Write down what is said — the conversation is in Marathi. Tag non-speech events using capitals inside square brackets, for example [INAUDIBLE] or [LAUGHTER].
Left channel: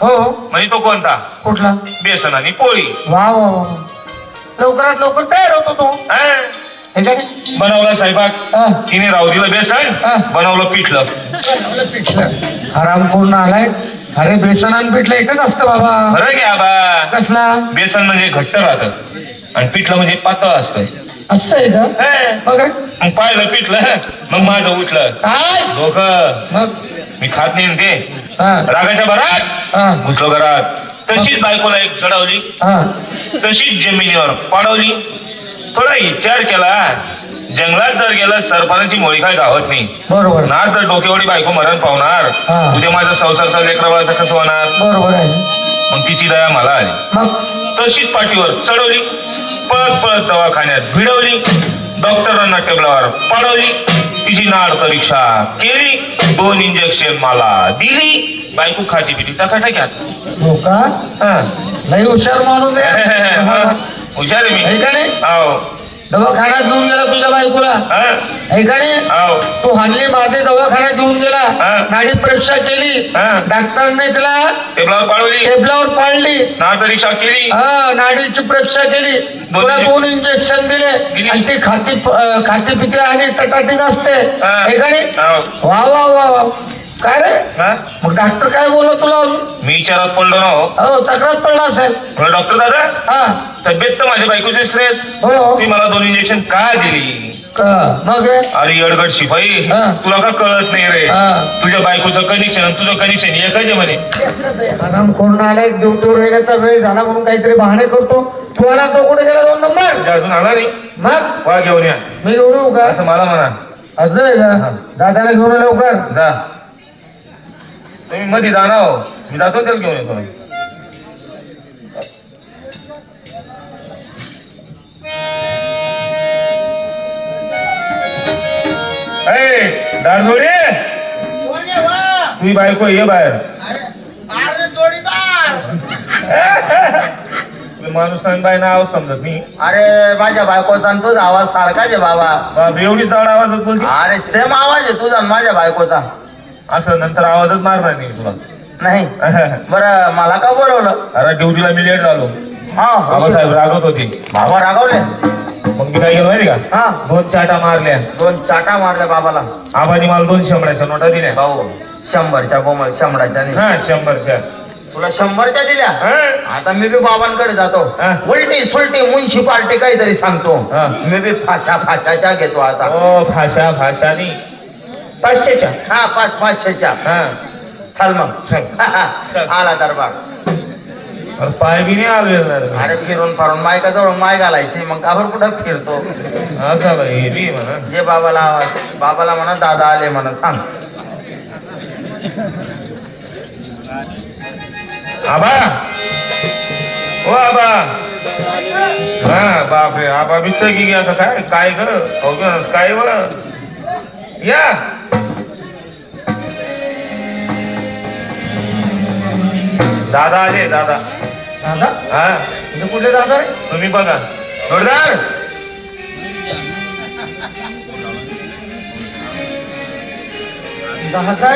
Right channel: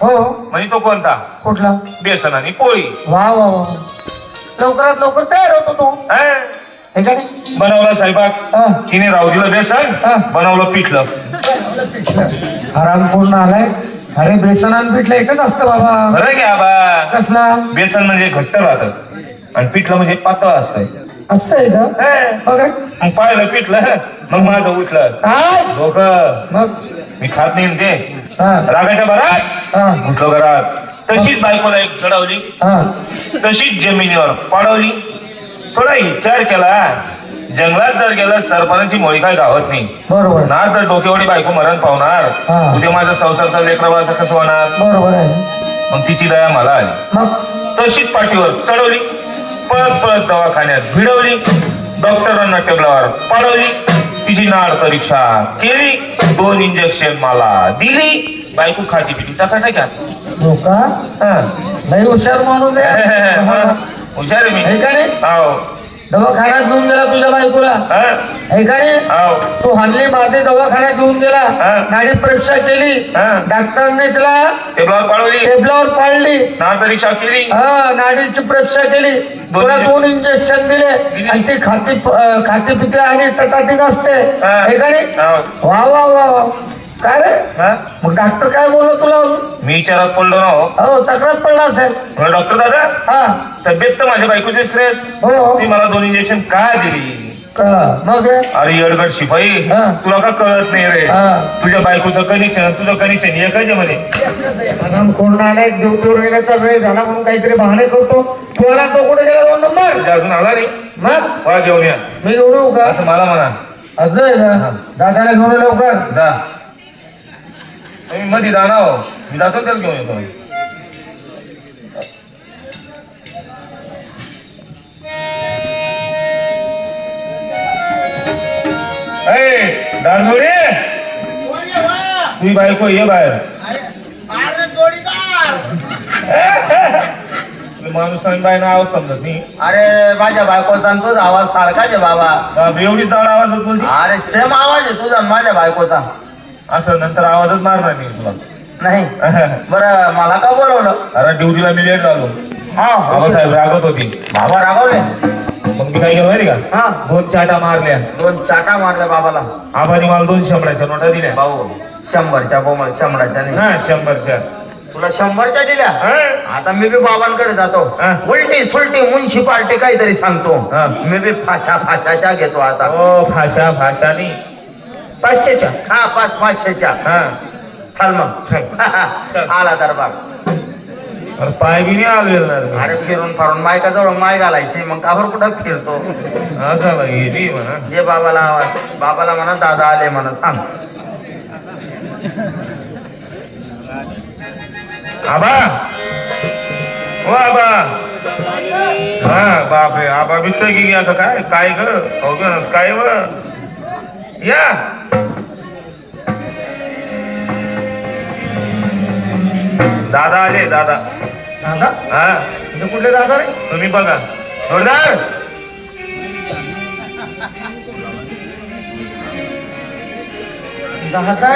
हो. म्हणजे तो कोणता? कुठला? बेसन आणि पोळी. वा वा वा. लवकरात लवकर तयार होतो तो. हा? ह्याच्याने बनवलं साहेबात हा. तिने राहू दिलं बेसन हा. बनवलं पिठलं. आराम पूर्ण आलाय. अरे बेसन आणि पिठलं एकच असतं बाबा. बरं घ्या बा. कसला? बेसन म्हणजे घट्ट राहतं आणि पिठलं म्हणजे पातळ असतंय असं आहे का? हा. बघ रे. मग पाहिलं पिठलं मग माझं उठलं. काय? दोघं. मग? मी खात नाही ते रागाच्या भरात. घुसलो घरात. तशीच बायकोला एक चढवली. तशीच जमिनीवर पाडवली. थोडा विचार केला. जंगलात जर गेलं सरपणाची मोळी काय गावत नाही. बरोबर. ना तर डोकेवडी बायको मरण पावणार. उद्या माझा संसारचा लेकरावाचं कसं होणार? बरोबर आहे. मग तिची दया मला आली. तशीच पाठीवर चढवली. पळत पळत दवाखान्यात भिडवली. डॉक्टरांना टेबलावर पाडवली. तिची नाड परीक्षा केली दोन इंजेक्शन मला दिली बायको खाती पिटी टकाटक्यात हो का हा. लई हुशार माणूस आहे हुशार आहे मी हाव. दवाखान्यात घेऊन गेला तुझ्या बायकोला हा? का नाही. तू हानली माझे दवाखान्यात घेऊन गेला. नाडी परीक्षा केली. डॉक्टरने तिला टेबलावर पाडवली टेबलावर नाड परीक्षा केली हा नाडीची परीक्षा केली तुला. दोन इंजेक्शन दिले. आणि ती खाती खाती पिती आणि टटाटीच असते हा. का नाही. वा वा वा वा काय रे? हा? मग डॉक्टर काय बोललो तुला अजून? मी विचारात पडलो ना हो. हो तक्रार पडला असेल. म्हणलं, डॉक्टर दादा. हा. तब्येत तर माझ्या बायकोची स्ट्रेस हो हो. ती मला दोन इंजेक्शन का दिली? का? मग रे? अरे अडगड शिपाई. हा. तुला का कळत नाही रे? हा. तुझ्या बायकोचं कनेक्शन तुझं कनेक्शन एकच आहे म्हणे? आराम करून आलाय ड्युटीवर येण्याचा वेळ झाला म्हणून काहीतरी बहाणे करतो. तुला तो कुठे गेला? दोन नंबर. तुझ्या अजून आला नाही? मग? मला घेऊन या. मी एवढू का? असं मला म्हणा. असं आहे का? दादाला घेऊन ये लवकर. जा. तुम्ही मध्ये जा ना हो. मी जातो त्याला घेऊन येतो दानोरे! तुझी बायको ये बाहेर. अरे जोडीदार माणूस बाय नाव समजत नाही. अरे माझ्या बायकोचा तुझा आवाज सारखाच आहे बाबा. एवढी चाड आवाज अरे सेम आवाज आहे तुझा माझ्या बायकोचा. असं नंतर आवाजच मारणार नाही तुला. नाही. [LAUGHS] बरं मला का बोलवलं? अरे ड्युटीला मी लेट झालो हा. बाबासाहेब रागत होती. बाबा रागवले? मग मी काय केलं माहिती का? हा. दोन चाटा मारल्या. दोन चाटा मारल्या बाबाला. आबानी मला दोन शंभराच्या नोटा दिल्या. भाऊ शंभरच्या बोमल शंभराच्या नाही. हा शंभरच्या. तुला शंभरच्या दिल्या? हा? आता मी बी बाबांकडे जातो. हा. उलटी सुलटी म्युन्सिपाल्टी काहीतरी सांगतो. हा. मी बी फाशा फाशाच्या घेतो आता. ओ भाषा भाषानी पाचशेच्या. हा पाच पाचशेच्या. हा. चल मग. चल. आला दरबार. पाय बी नाही आले. अरे फिरून फारून मायका जवळ माय घालायची. मग काबर कुठं फिरतो? असं गेली म्हणा. जे बाबाला बाबाला म्हणा दादा आले म्हणा. सांग. आबा. ओ आबा. हा बापरे आबा विचार की काय? काय ग? हो काय व? या. दादा आले दादा. दादा? हा. म्हणजे कुठे दादा रे तुम्ही बघा. जोरदार. दादा आहे